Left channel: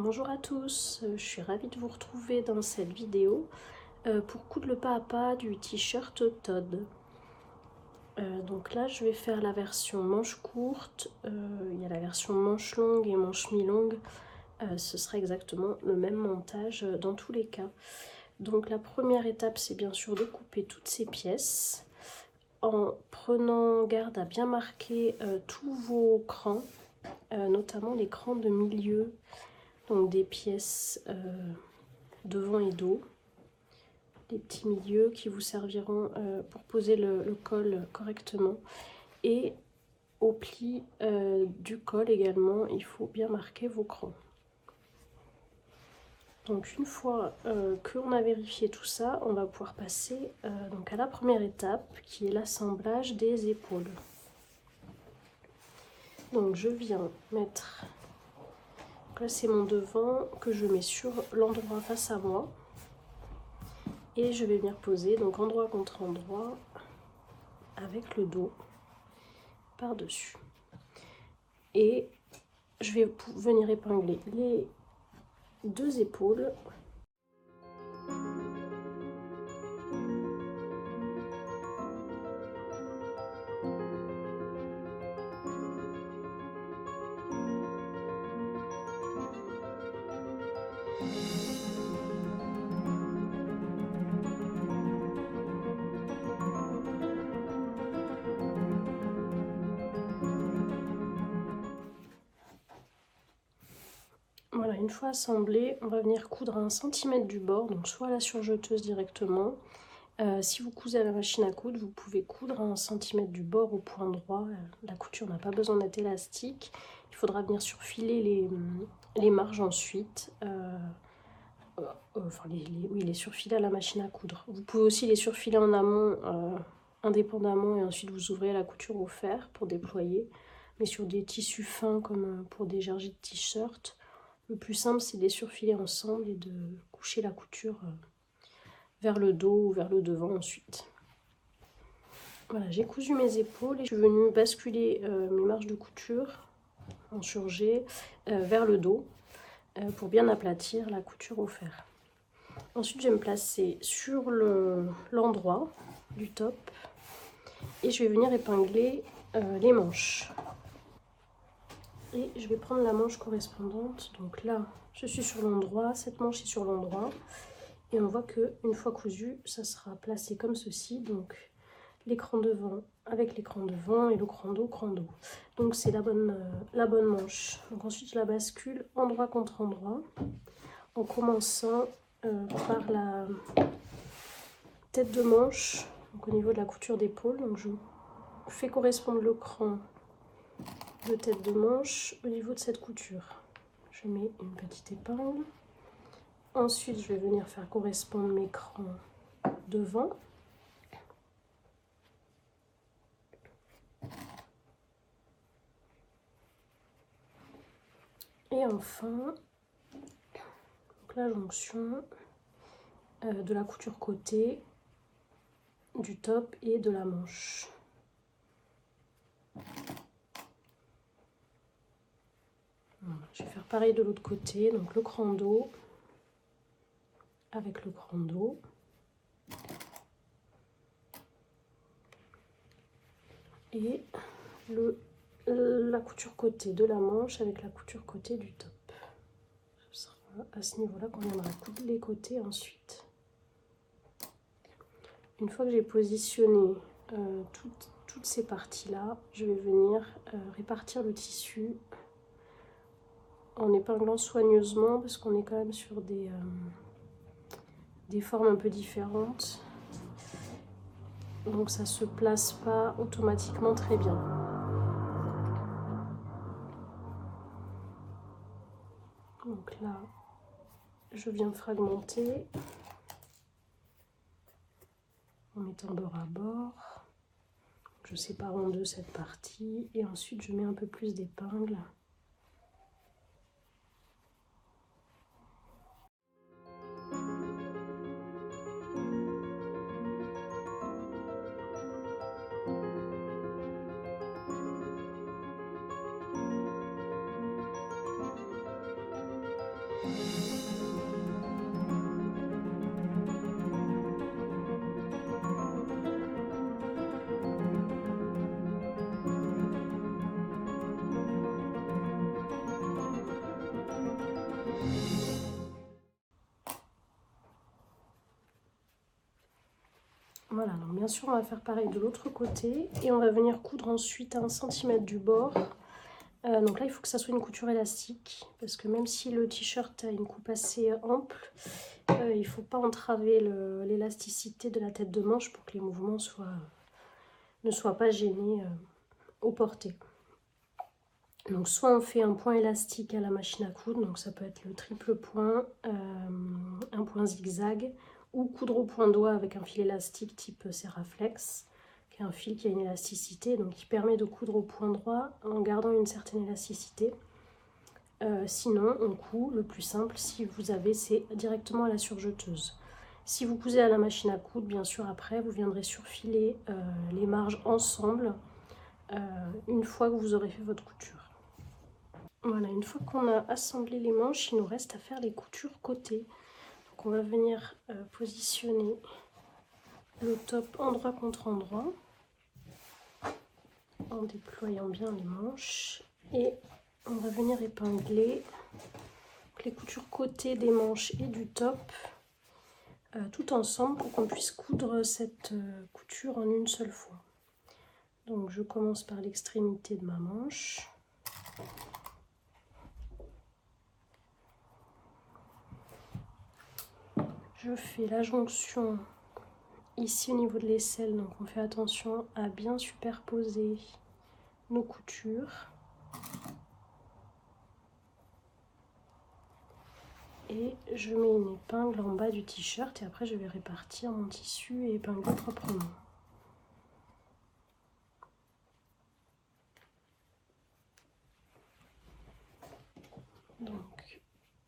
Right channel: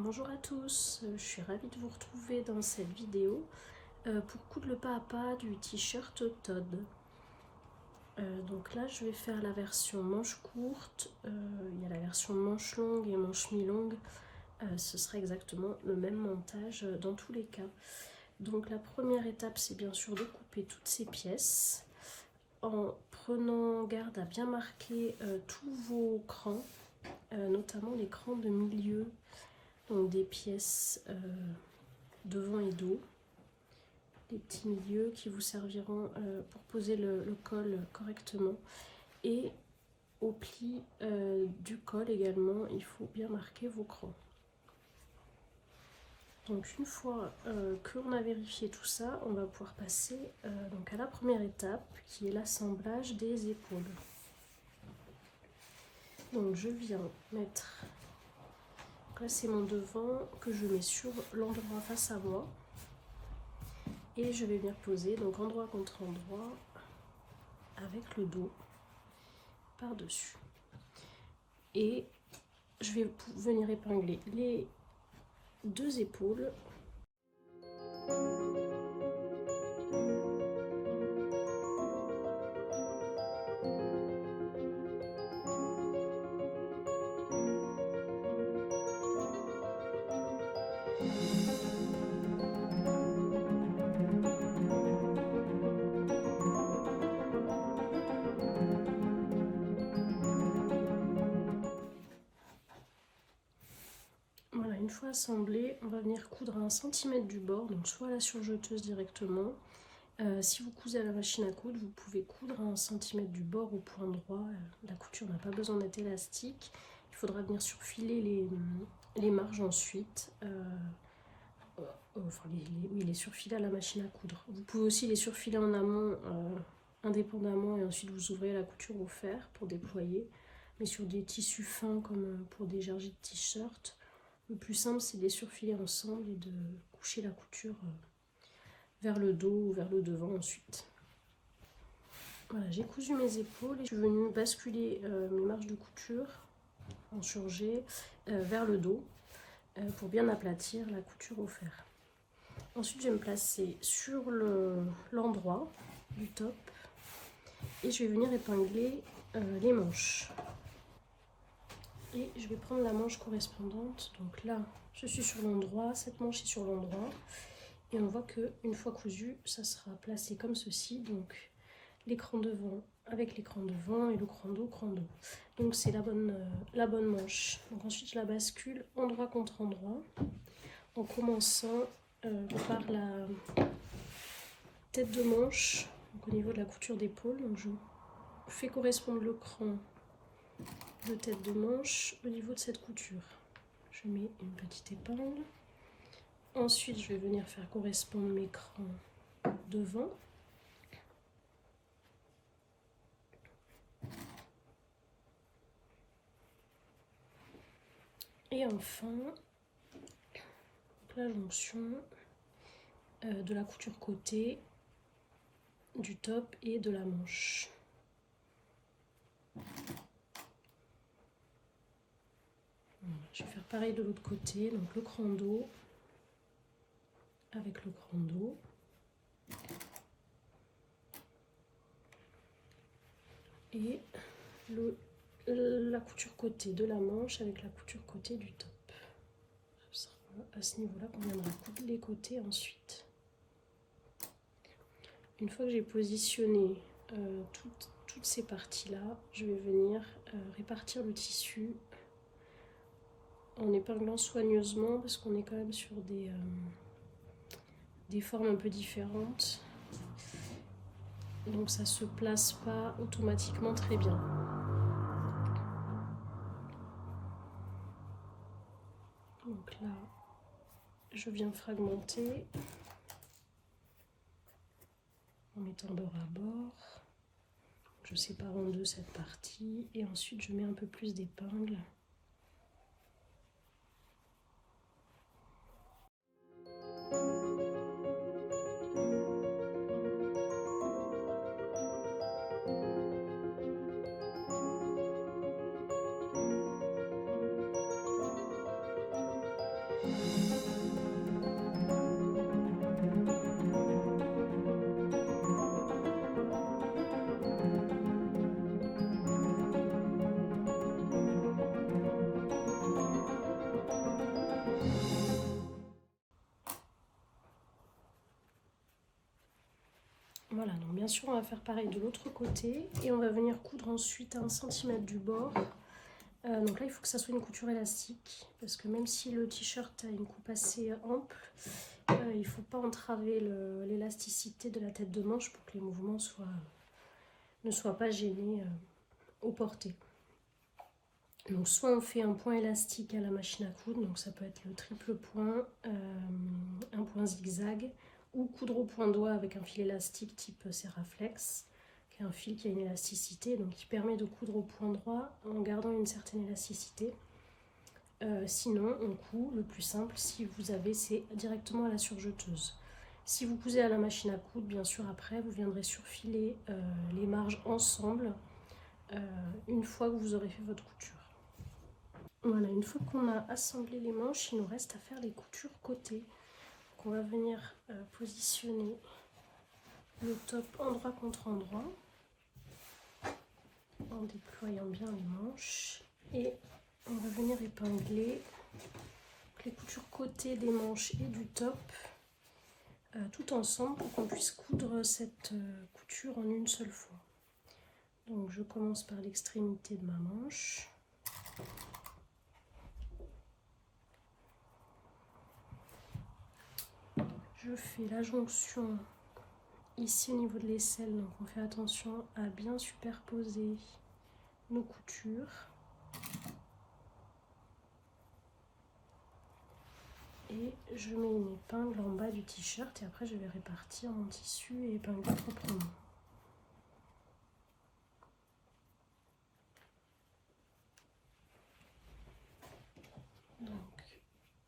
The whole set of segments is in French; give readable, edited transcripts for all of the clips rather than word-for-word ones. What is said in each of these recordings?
Bonjour à tous, je suis ravie de vous retrouver dans cette vidéo pour coudre le pas à pas du t-shirt Todd. Donc là je vais faire la version manche courte, il y a la version manche longue et manche mi-longue, ce sera exactement le même montage dans tous les cas. Donc la première étape c'est bien sûr de couper toutes ces pièces en prenant garde à bien marquer tous vos crans, notamment les crans de milieu. Donc des pièces devant et dos, des petits milieux qui vous serviront pour poser le col correctement. Et au pli du col également, il faut bien marquer vos crans. Donc une fois qu'on a vérifié tout ça, on va pouvoir passer donc à la première étape qui est l'assemblage des épaules. Donc je viens mettre, donc là c'est mon devant que je mets sur l'endroit face à moi. Et je vais venir poser donc endroit contre endroit avec le dos par-dessus. Et je vais venir épingler les deux épaules. Voilà, une fois assemblé, on va venir coudre à 1 cm du bord, donc soit à la surjeteuse directement. Si vous cousez à la machine à coudre, vous pouvez coudre à 1 cm du bord au point droit. La couture n'a pas besoin d'être élastique. Il faudra venir surfiler les marges ensuite. Enfin, oui, les surfiler à la machine à coudre. Vous pouvez aussi les surfiler en amont, indépendamment, et ensuite vous ouvrez la couture au fer pour déployer. Mais sur des tissus fins comme pour des jargis de t-shirt, le plus simple c'est de les surfiler ensemble et de coucher la couture vers le dos ou vers le devant ensuite. Voilà, j'ai cousu mes épaules et je suis venue basculer mes marges de couture en surjet vers le dos pour bien aplatir la couture au fer. Ensuite, je vais me placer sur l'endroit du top et je vais venir épingler les manches. Et je vais prendre la manche correspondante. Donc là, je suis sur l'endroit, cette manche est sur l'endroit. Et on voit qu'une fois cousu, ça sera placé comme ceci. Donc l'écran devant avec l'écran devant et le cran dos, cran dos. Donc c'est la bonne manche. Donc ensuite, je la bascule endroit contre endroit en commençant par la tête de manche, donc au niveau de la couture d'épaule. Donc je fais correspondre le cran de tête de manche au niveau de cette couture. Je mets une petite épingle. Ensuite, je vais venir faire correspondre mes crans devant. Et enfin, donc la jonction de la couture côté, du top et de la manche. Voilà, je vais faire pareil de l'autre côté, donc le cran dos avec le cran dos. Et la couture côté de la manche avec la couture côté du top. Ce sera à ce niveau-là qu'on viendra coudre les côtés ensuite. Une fois que j'ai positionné toutes ces parties-là, je vais venir répartir le tissu en épinglant soigneusement parce qu'on est quand même sur des formes un peu différentes. Donc ça ne se place pas automatiquement très bien. Donc là, je viens fragmenter en mettant bord à bord. Je sépare en deux cette partie et ensuite je mets un peu plus d'épingles. donc bien sûr on va faire pareil de l'autre côté et on va venir coudre ensuite à 1 cm du bord. Donc là il faut que ça soit une couture élastique parce que même si le t-shirt a une coupe assez ample, il ne faut pas entraver l'élasticité de la tête de manche pour que les mouvements ne soient pas gênés au porté. Donc soit on fait un point élastique à la machine à coudre, donc ça peut être le triple point, un point zigzag, ou coudre au point doigt avec un fil élastique type Seraflex, qui est un fil qui a une élasticité, donc qui permet de coudre au point droit en gardant une certaine élasticité. Sinon, on coud, le plus simple, si vous avez, c'est directement à la surjeteuse. Si vous cousez à la machine à coudre, bien sûr, après, vous viendrez surfiler les marges ensemble une fois que vous aurez fait votre couture. Voilà, une fois qu'on a assemblé les manches, il nous reste à faire les coutures côté. Donc on va venir positionner le top endroit contre endroit en déployant bien les manches et on va venir épingler les coutures côté des manches et du top tout ensemble pour qu'on puisse coudre cette couture en une seule fois. Donc je commence par l'extrémité de ma manche. Je fais la jonction ici au niveau de l'aisselle, donc on fait attention à bien superposer nos coutures. Et je mets une épingle en bas du t-shirt et après je vais répartir mon tissu et épingler proprement. Donc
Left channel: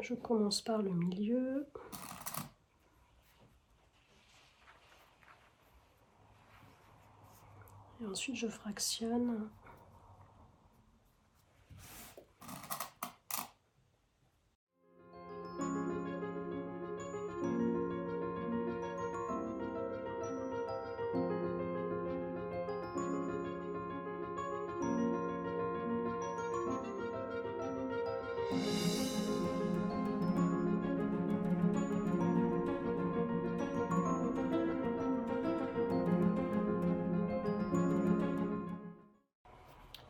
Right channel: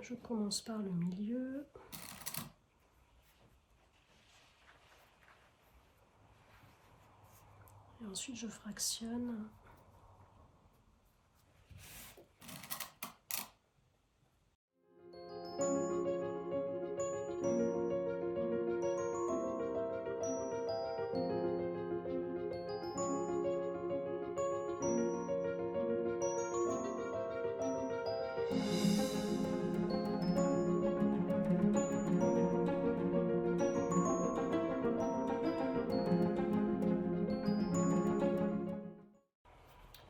je commence par le milieu. Et ensuite je fractionne.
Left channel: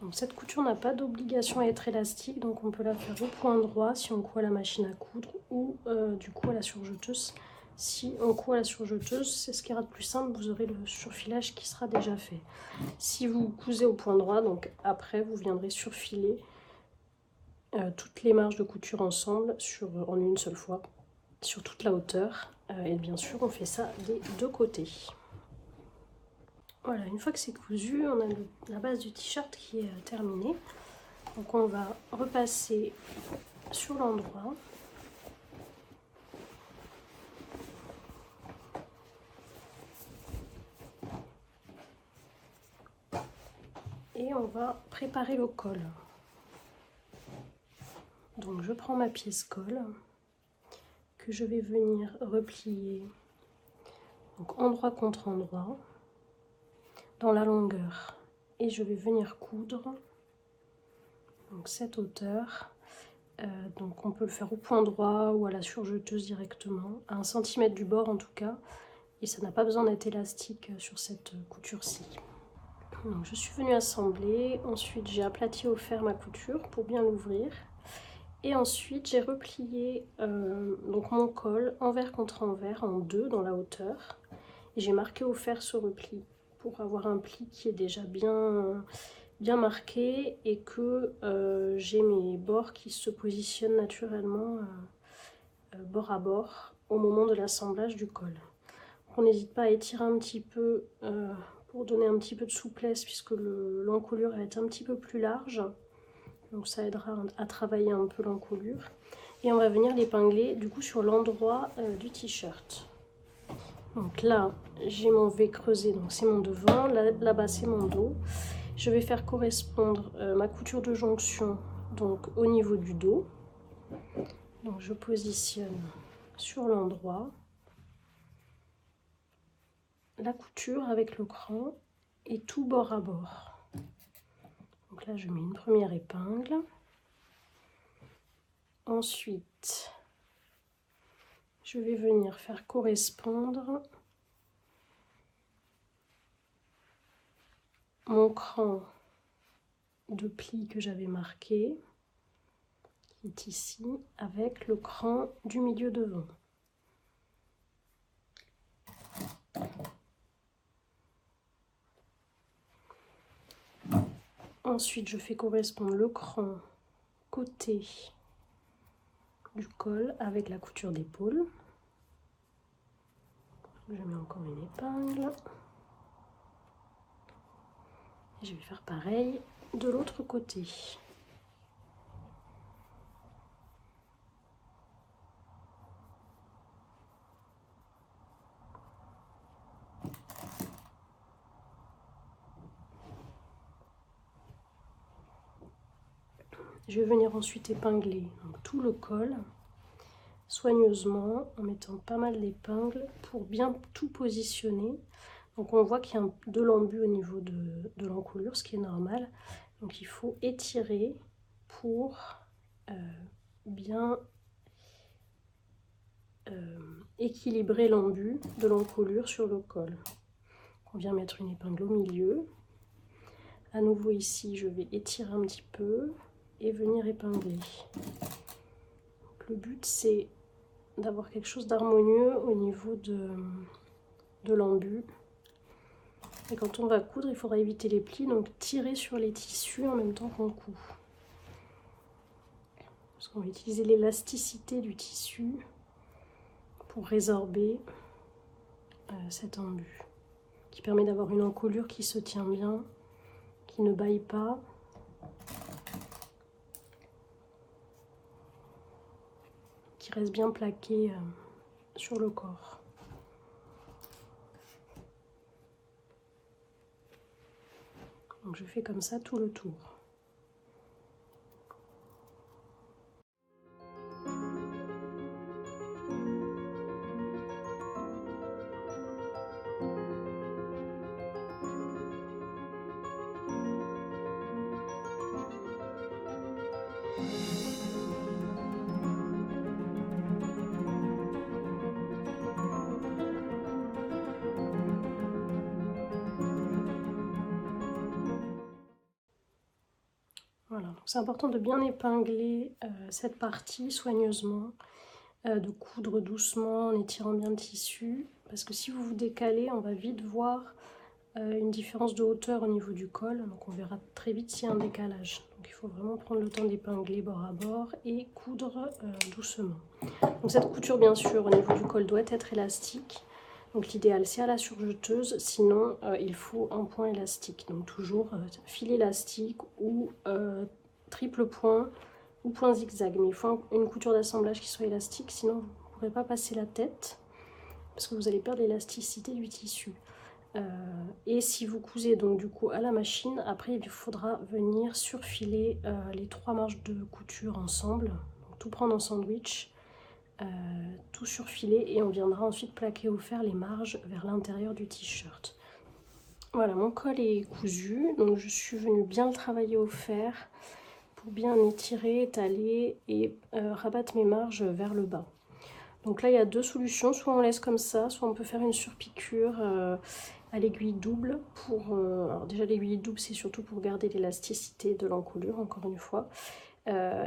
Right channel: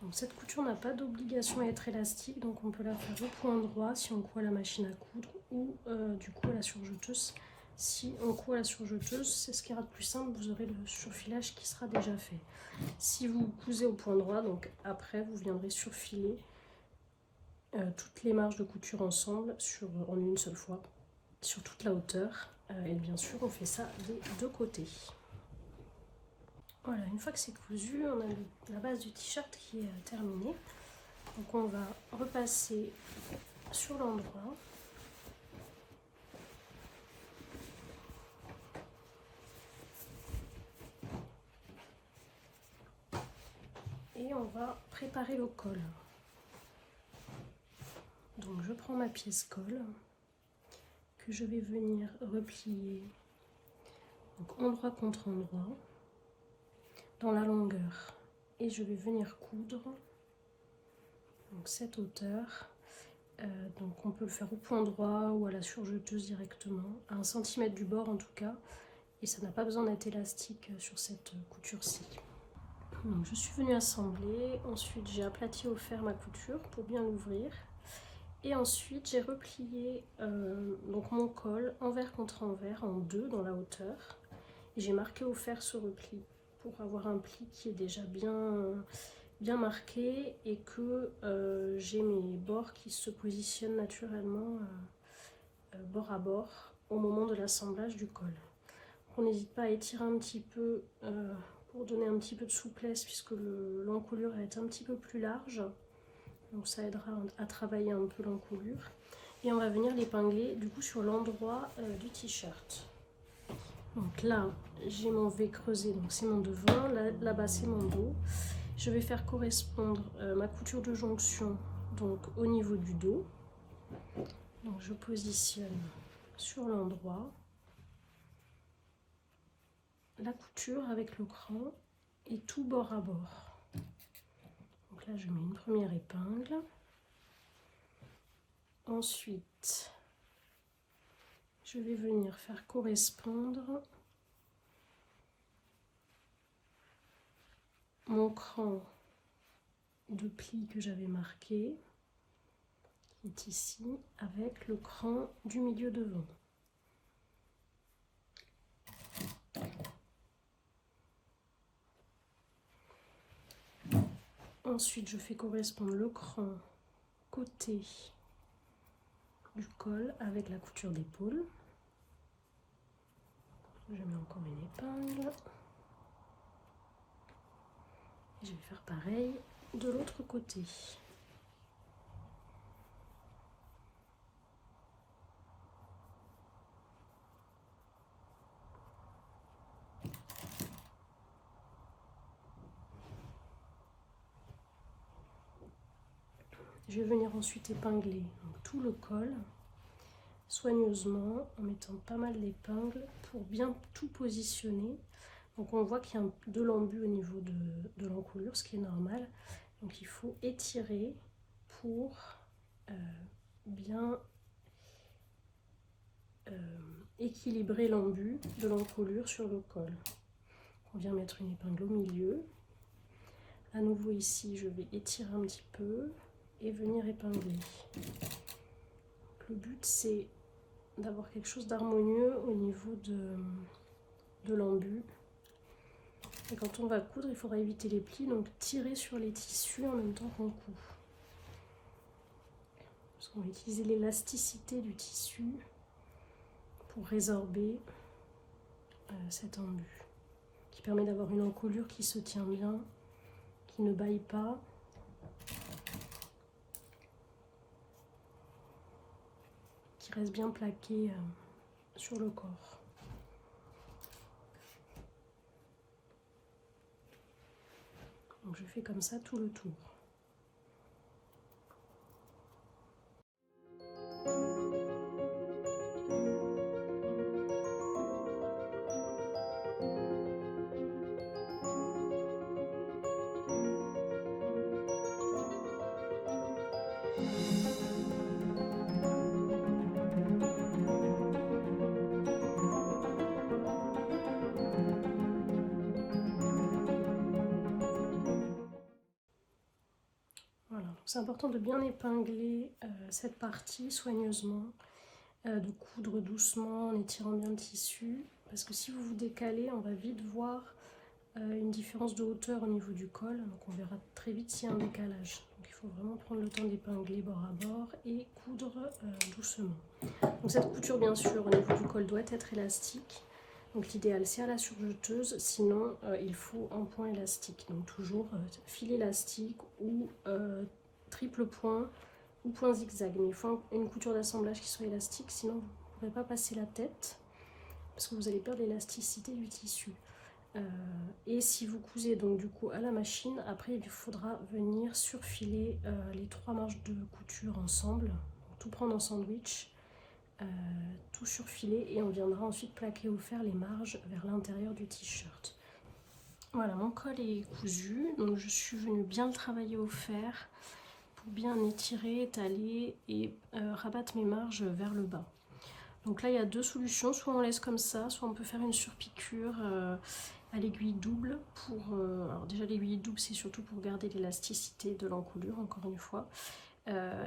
Donc cette couture n'a pas d'obligation à être élastique, donc on peut la faire au point droit si on coud à la machine à coudre ou du coup à la surjeteuse. Si on coud à la surjeteuse, c'est ce qui ira de plus simple, vous aurez le surfilage qui sera déjà fait. Si vous cousez au point droit, donc après vous viendrez surfiler toutes les marges de couture ensemble en une seule fois, sur toute la hauteur. Et bien sûr on fait ça des deux côtés. Voilà, une fois que c'est cousu, on a la base du t-shirt qui est terminée. Donc on va repasser sur l'endroit. Et on va préparer le col. Donc je prends ma pièce colle que je vais venir replier donc endroit contre endroit dans la longueur et je vais venir coudre donc cette hauteur. Donc on peut le faire au point droit ou à la surjeteuse directement, à 1 cm du bord en tout cas, et ça n'a pas besoin d'être élastique sur cette couture-ci. Donc je suis venue assembler, ensuite j'ai aplati au fer ma couture pour bien l'ouvrir, et ensuite j'ai replié donc mon col envers contre envers en deux dans la hauteur, et j'ai marqué au fer ce repli pour avoir un pli qui est déjà bien marqué et que j'ai mes bords qui se positionnent naturellement bord à bord au moment de l'assemblage du col. On n'hésite pas à étirer un petit peu pour donner un petit peu de souplesse puisque l'encolure va être un petit peu plus large, donc ça aidera à travailler un peu l'encolure. Et on va venir l'épingler du coup sur l'endroit du t-shirt. Donc là j'ai mon V creusé, donc c'est mon devant, là-bas c'est mon dos. Je vais faire correspondre ma couture de jonction donc au niveau du dos. Donc je positionne sur l'endroit la couture avec le cran et tout bord à bord. Donc là je mets une première épingle. Ensuite je vais venir faire correspondre mon cran de pli que j'avais marqué, qui est ici, avec le cran du milieu devant. Ensuite, je fais correspondre le cran côté du col avec la couture d'épaule. Je mets encore une épingle. Et je vais faire pareil de l'autre côté. Je vais venir ensuite épingler donc, tout le col soigneusement en mettant pas mal d'épingles pour bien tout positionner. Donc on voit qu'il y a de l'embu au niveau de l'encolure, ce qui est normal. Donc il faut étirer pour bien équilibrer l'embu de l'encolure sur le col. On vient mettre une épingle au milieu. À nouveau ici, je vais étirer un petit peu et venir épingler. Donc, le but c'est d'avoir quelque chose d'harmonieux au niveau de l'embu. Et quand on va coudre, il faudra éviter les plis, donc tirer sur les tissus en même temps qu'on coud. Parce qu'on va utiliser l'élasticité du tissu pour résorber cet embu, qui permet d'avoir une encolure qui se tient bien, qui ne bâille pas. Qui reste bien plaqué sur le corps. Donc je fais comme ça tout le tour. Voilà, donc c'est important de bien épingler cette partie soigneusement, de coudre doucement en étirant bien le tissu, parce que si vous vous décalez, on va vite voir une différence de hauteur au niveau du col, donc on verra très vite s'il y a un décalage. Donc il faut vraiment prendre le temps d'épingler bord à bord et coudre doucement. Donc cette couture bien sûr au niveau du col doit être élastique. Donc l'idéal c'est à la surjeteuse, sinon il faut un point élastique. Donc toujours fil élastique ou triple point ou point zigzag. Mais il faut une couture d'assemblage qui soit élastique, sinon vous ne pourrez pas passer la tête parce que vous allez perdre l'élasticité du tissu. Et si vous cousez donc du coup à la machine, après il faudra venir surfiler les 3 marches de couture ensemble. Donc, tout prendre en sandwich. Tout surfiler et on viendra ensuite plaquer au fer les marges vers l'intérieur du t-shirt. Voilà, mon col est cousu, donc je suis venue bien le travailler au fer pour bien étirer, étaler et rabattre mes marges vers le bas. Donc là il y a 2 solutions, soit on laisse comme ça, soit on peut faire une surpiqûre à l'aiguille double. Alors déjà l'aiguille double c'est surtout pour garder l'élasticité de l'encolure encore une fois.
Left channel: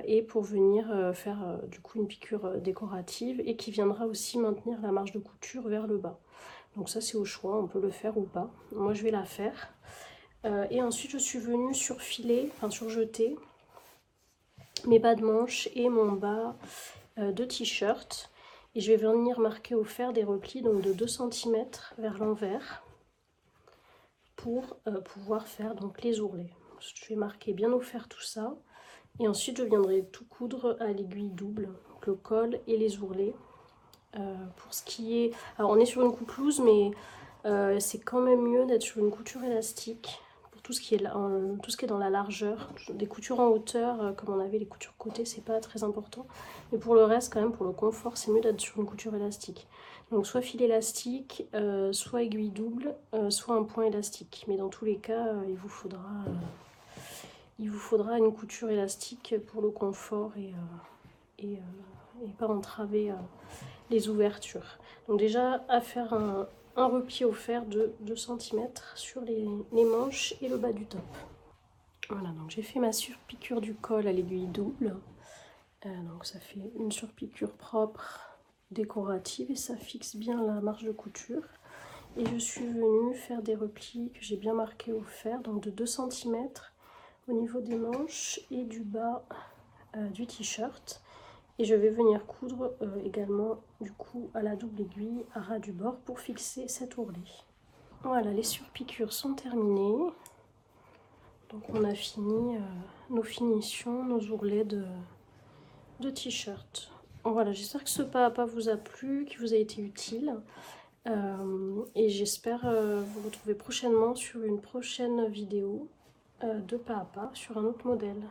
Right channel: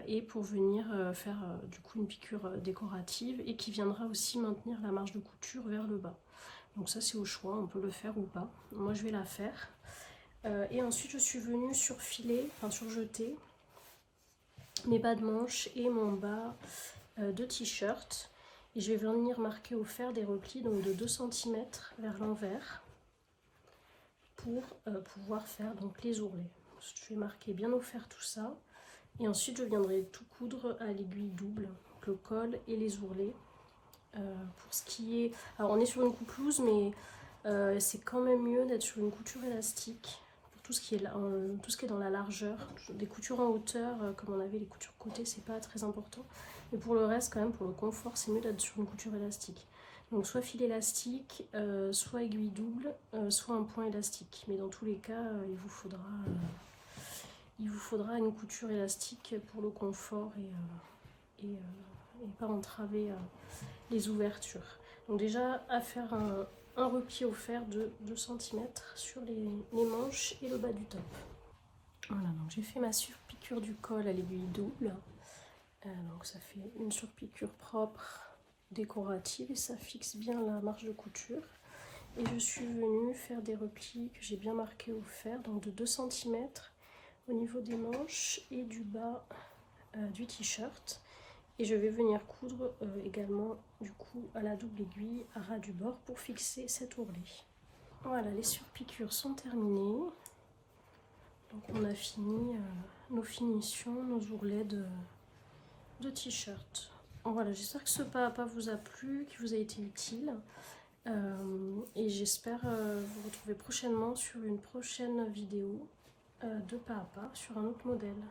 Et pour venir faire du coup une piqûre décorative et qui viendra aussi maintenir la marge de couture vers le bas. Donc ça c'est au choix, on peut le faire ou pas. Moi je vais la faire. Et ensuite je suis venue surfiler, enfin surjeter mes bas de manche et mon bas de t-shirt. Et je vais venir marquer au fer des replis donc de 2 cm vers l'envers pour pouvoir faire donc les ourlets. Je vais marquer bien au fer tout ça. Et ensuite, je viendrai tout coudre à l'aiguille double, donc le col et les ourlets. Pour ce qui est... Alors, on est sur une coupe loose, mais c'est quand même mieux d'être sur une couture élastique. Pour tout ce qui est dans la largeur. Des coutures en hauteur, comme on avait les coutures côté, c'est pas très important. Mais pour le reste, quand même, pour le confort, c'est mieux d'être sur une couture élastique. Donc, soit fil élastique, soit aiguille double, soit un point élastique. Mais dans tous les cas, il vous faudra une couture élastique pour le confort et pas entraver les ouvertures. Donc déjà, à faire un repli offert de 2 cm sur les manches et le bas du top. Voilà, donc j'ai fait ma surpiqûre du col à l'aiguille double. Donc ça fait une surpiqûre propre, décorative, et ça fixe bien la marge de couture. Et je suis venue faire des replis que j'ai bien marqués au fer, donc de 2 cm au niveau des manches et du bas du t-shirt. Et je vais venir coudre également du coup à la double aiguille à ras du bord pour fixer cet ourlet. Voilà, les surpiqûres sont terminées. Donc on a fini nos finitions, nos ourlets de t-shirt. Voilà, j'espère que ce pas à pas vous a plu, qu'il vous a été utile. Et j'espère vous retrouver prochainement sur une prochaine vidéo de pas à pas sur un autre modèle.